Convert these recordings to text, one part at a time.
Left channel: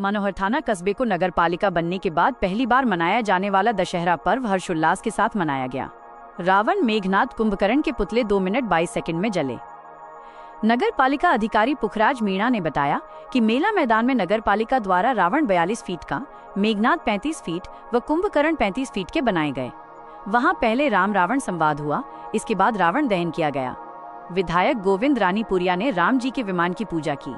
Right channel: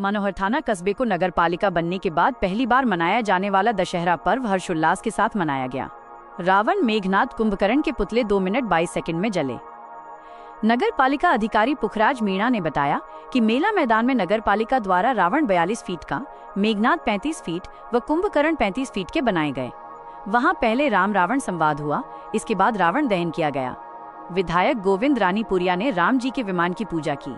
मनोहर थाना कस्बे को नगर पालिका बनने के बाद पहली बार मनाया जाने वाला दशहरा पर्व हर्षोल्लास के साथ मनाया गया। रावण मेघनाद कुंभकर्ण के पुतले 2 मिनट 22 सेकंड में जले। नगर पालिका अधिकारी पुखराज मीणा ने बताया कि मेला मैदान में नगर पालिका द्वारा रावण 42 फीट का, मेघनाद 35 फीट व कुंभकर्ण 35 फीट के बनाए गए। वहां पहले राम रावण संवाद हुआ, इसके बाद रावण दहन किया गया। विधायक गोविंद रानीपुरिया ने राम जी के विमान की पूजा की।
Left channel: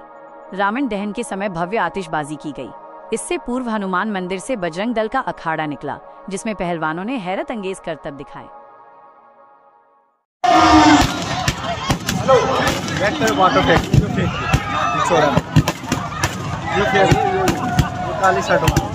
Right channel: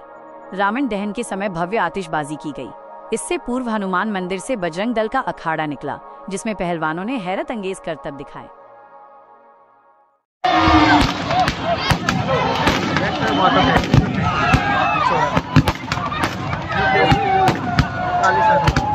रावण दहन के समय भव्य आतिशबाजी की गई। इससे पूर्व हनुमान मंदिर से बजरंग दल का अखाड़ा निकला, जिसमें पहलवानों ने हैरत अंगेज करतब दिखाए। वाटर